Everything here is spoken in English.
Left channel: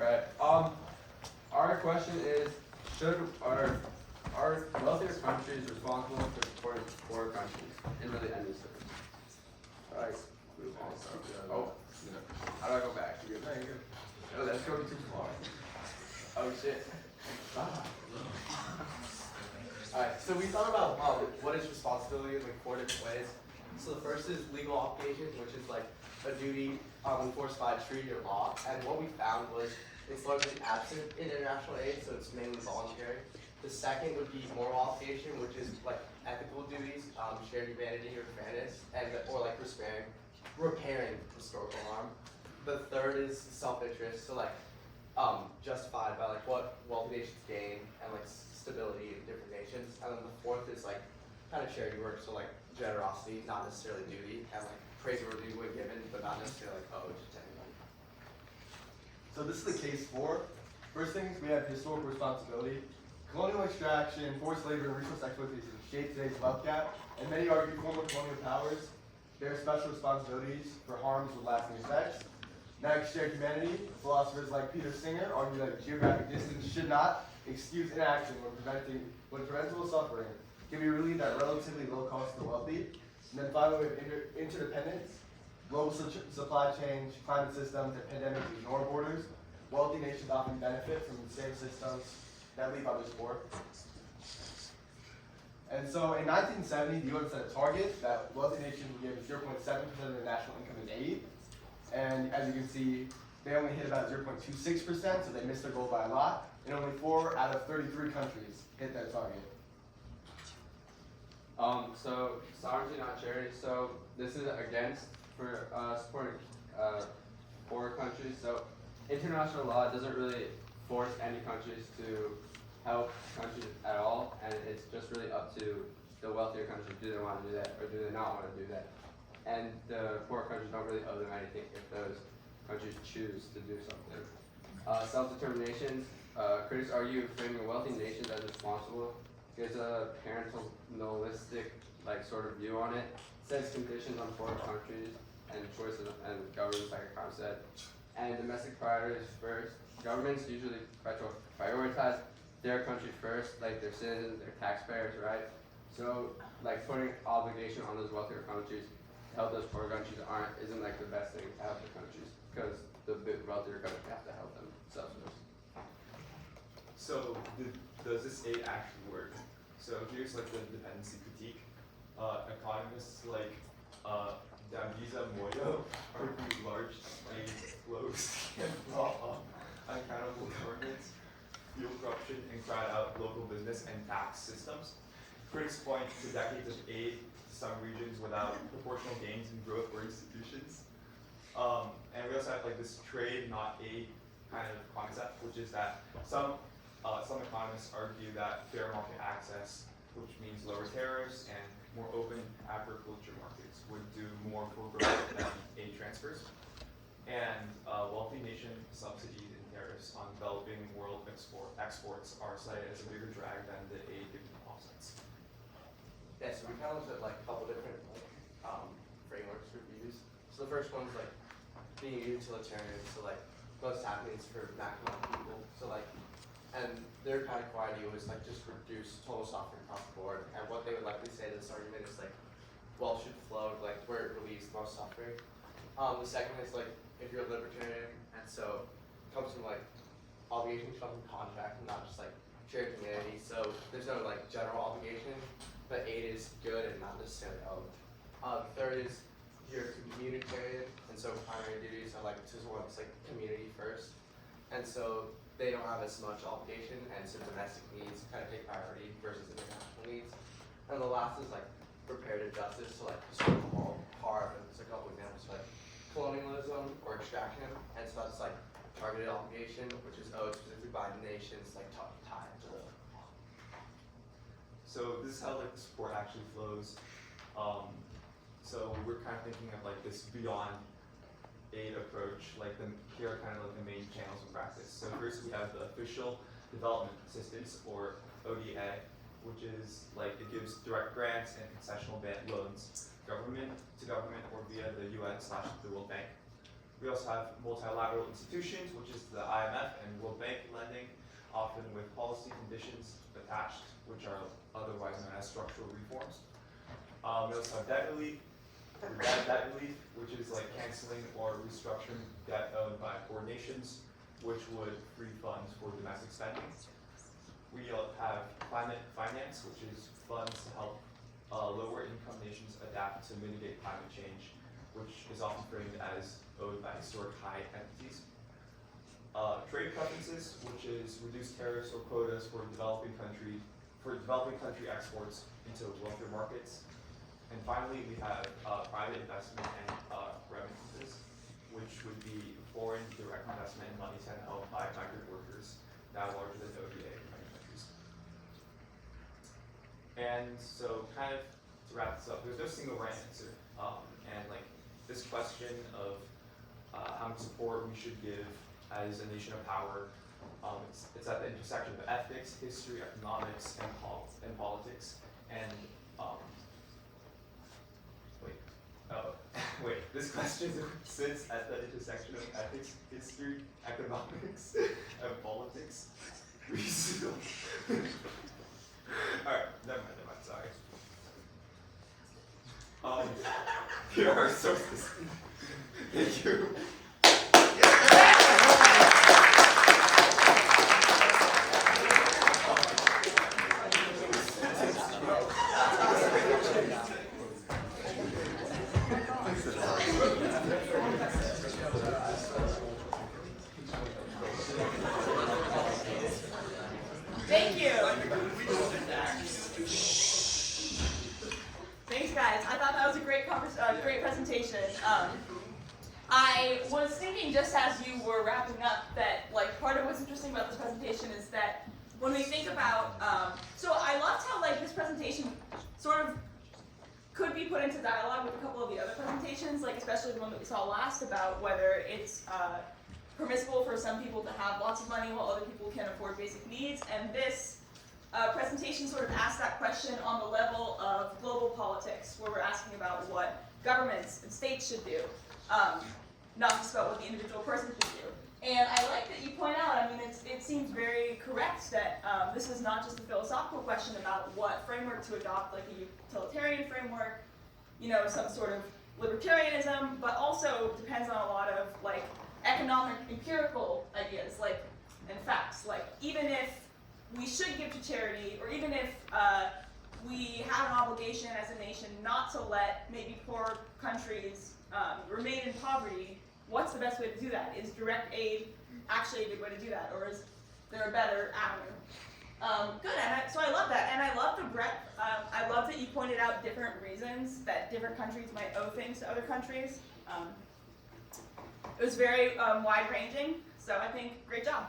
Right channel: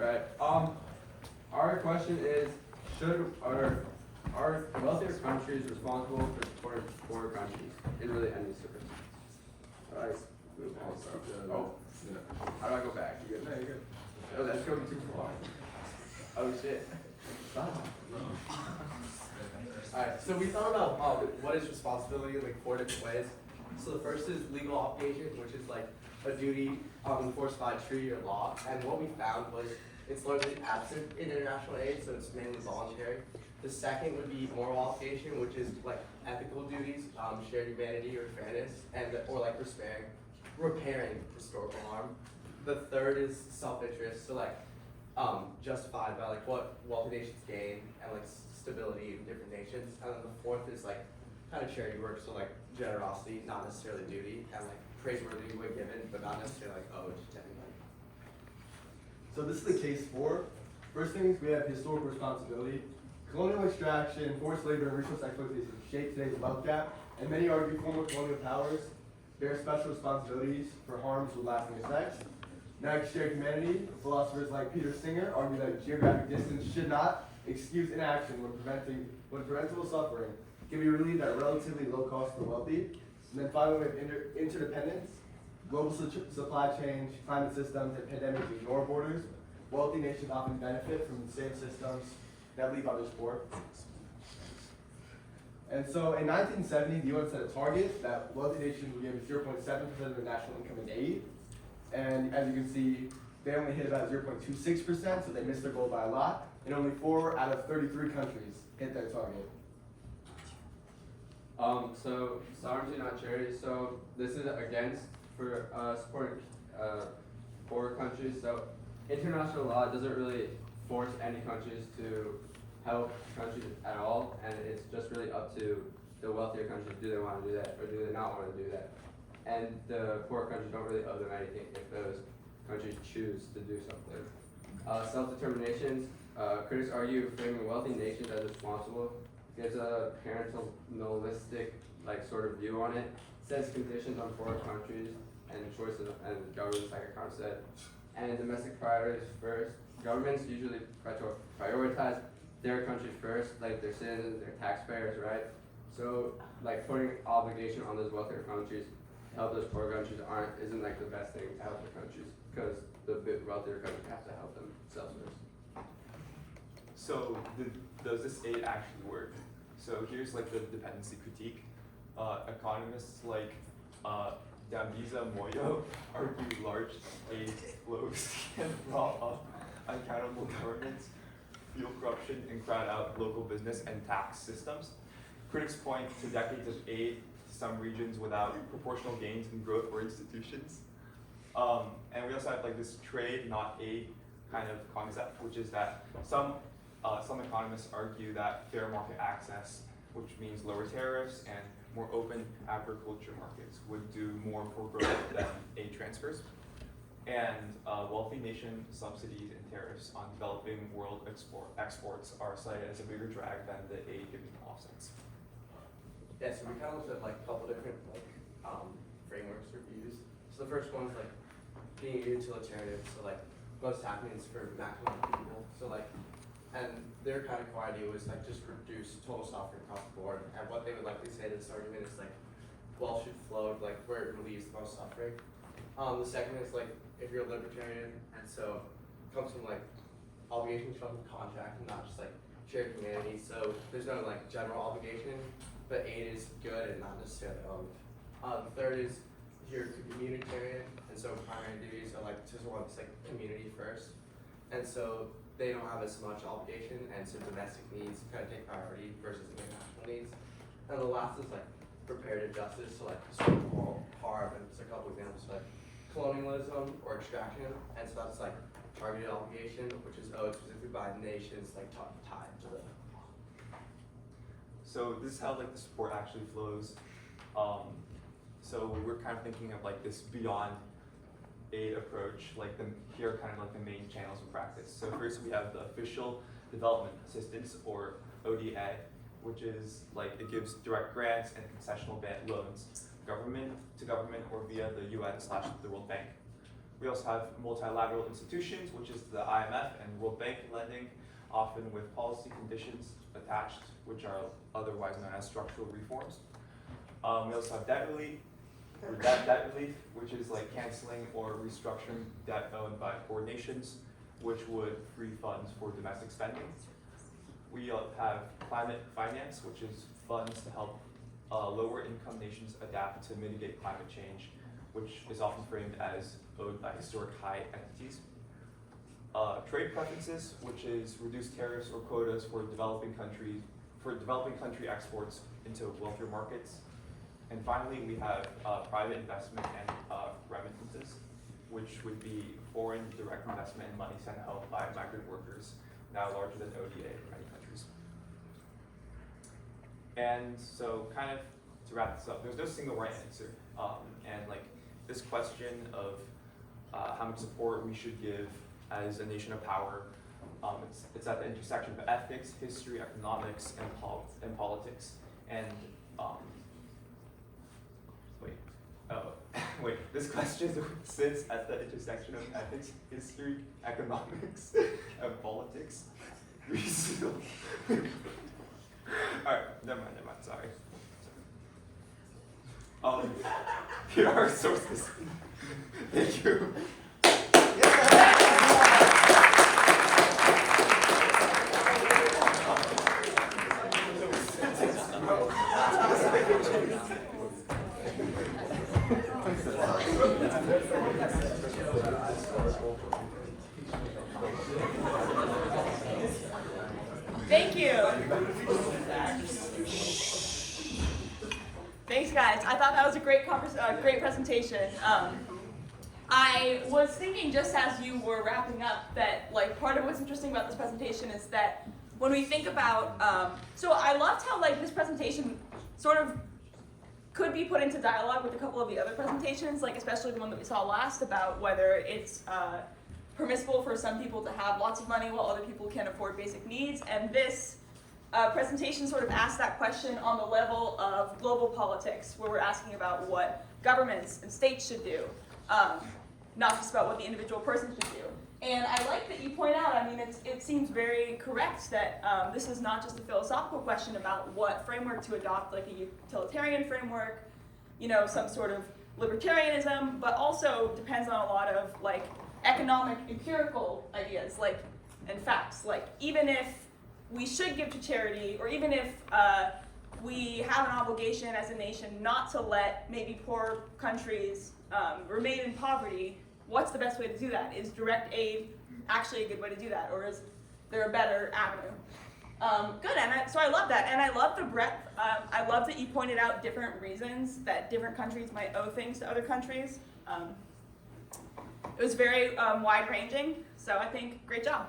Alright, our question is, are wealthier countries responsible for supporting poorer countries in really endless circles? Alright, move on. Oh, how do I go back? Oh, that's going too far. Oh shit. Stop. Alright, so we thought about what is responsibility in like 4 different ways. So the first is legal obligation, which is like a duty enforced by a treaty or law. And what we found was it's largely absent in international aid, so it's mainly voluntary. The second would be moral obligation, which is like ethical duties, shared humanity or fairness, and or like repairing historical harm. The third is self-interest, so like justified by like what wealthy nations gain and like stability in different nations. And then the fourth is like kind of charity work, so like generosity, not necessarily duty, and like praiseworthy when given, but not necessarily like owed technically. So this is the case for. First things, we have historical responsibility. Colonial extraction, forced labor, and resource exploitation shape today's wealth gap, and many argue former colonial powers bear special responsibilities for harms with lasting effects. Next, shared humanity. Philosophers like Peter Singer argue that geographic distance should not excuse inaction when preventable suffering can be relieved at relatively low cost to the wealthy. And then finally, we have interdependence. Global supply chains, climate systems, and pandemics ignore borders. Wealthy nations often benefit from the same systems that leave others poor. And so in 1970, the UN set a target that wealthy nations would give 0.7% of their national income in aid. And as you can see, they only hit about 0.26%, so they missed their goal by a lot. And only 4 out of 33 countries hit their target. So sovereignty, not charity. So this is against for supporting poorer countries. So international law doesn't really force any countries to help countries at all, and it's just really up to the wealthier countries. Do they want to do that, or do they not want to do that? And the poor countries don't really owe them anything if those countries choose to do something. Self-determination. Critics argue framing wealthy nations as responsible gives a paternalistic sort of view on it. Sets conditions on foreign countries and choices and governments, like Akram said. And domestic priorities first. Governments usually try to prioritize their country first, like their citizens, their taxpayers, right? So like putting obligation on those wealthier countries to help those poor countries isn't like the best thing to help the countries, because the wealthier countries have to help themselves first. So does this aid actually work? So here's like the dependency critique. Economists like Dambisa Moyo argue large aid flows can draw up unaccountable governments, fuel corruption, and crowd out local business and tax systems. Critics point to decades of aid to some regions without proportional gains in growth or institutions. And we also have like this trade, not aid kind of concept, which is that some economists argue that fair market access, which means lower tariffs and more open agriculture markets, would do more for growth than aid transfers. And wealthy nation subsidies and tariffs on developing world exports are cited as a bigger drag than the aid-giving offsets. Yeah, so we kind of looked at like a couple different frameworks or views. So the first one was like being utilitarian, so like most happenings for maximum people. So like, and their kind of core idea was like just reduce total suffering across the board. And what they would likely say to this argument is like, wealth should flow like where it relieves the most suffering. The second is like if you're a libertarian, and so it comes from like obligation comes from contract and not just like shared humanity. So there's no like general obligation, but aid is good and not necessarily owned. The third is you're communitarian, and so primary duties are like just one's like community first, and so they don't have as much obligation, and so domestic needs kind of take priority versus international needs. And the last is like reparative justice, so like historical harm, and it's a couple examples like colonialism or extraction, and so that's like targeted obligation, which is owed specifically by nations like tied to the. So this is how like the support actually flows. So we're kind of thinking of like this beyond aid approach, like here are kind of like the main channels of practice. So first we have the official development assistance, or ODA, which is like it gives direct grants and concessional loans, government to government or via the UN/the World Bank. We also have multilateral institutions, which is the IMF and World Bank lending, often with policy conditions attached, which are otherwise known as structural reforms. We also have debt relief, which is like canceling or restructuring debt owned by poor nations, which would free funds for domestic spending. We have climate finance, which is funds to help lower income nations adapt to mitigate climate change, which is often framed as owed by historic high entities. Trade preferences, which is reduced tariffs or quotas for developing country exports into wealthier markets. And finally, we have private investment and remittances, which would be foreign direct investment and money sent held by migrant workers, now larger than ODA in many countries. And so, kind of to wrap this up, there's no single right answer. And like this question of how much support we should give as a nation of power, it's at the intersection of ethics, history, economics, and politics. And this question sits at the intersection of ethics, history, economics, and politics. Alright, never mind, sorry. Here are our sources. Thank you. Thank you. Thanks, guys. I thought that was a great great presentation. I was thinking just as you were wrapping up that like part of what's interesting about this presentation is that when we think about, so I loved how like this presentation sort of could be put into dialogue with a couple of the other presentations, like especially the one that we saw last about whether it's permissible for some people to have lots of money while other people can't afford basic needs. And this presentation sort of asked that question on the level of global politics, where we're asking about what governments and states should do, not just about what the individual person should do. And I like that you point out, I mean, it seems very correct that this is not just a philosophical question about what framework to adopt, like a utilitarian framework, you know, some sort of libertarianism, but also depends on a lot of like economic empirical ideas, like, and facts. Like, even if we should give to charity, or even if we have an obligation as a nation not to let maybe poor countries remain in poverty, what's the best way to do that? Is direct aid actually a good way to do that, or is there a better avenue? Good, and so I love that, and I love the breadth. I love that you pointed out different reasons that different countries might owe things to other countries. It was very wide-ranging, so I think great job.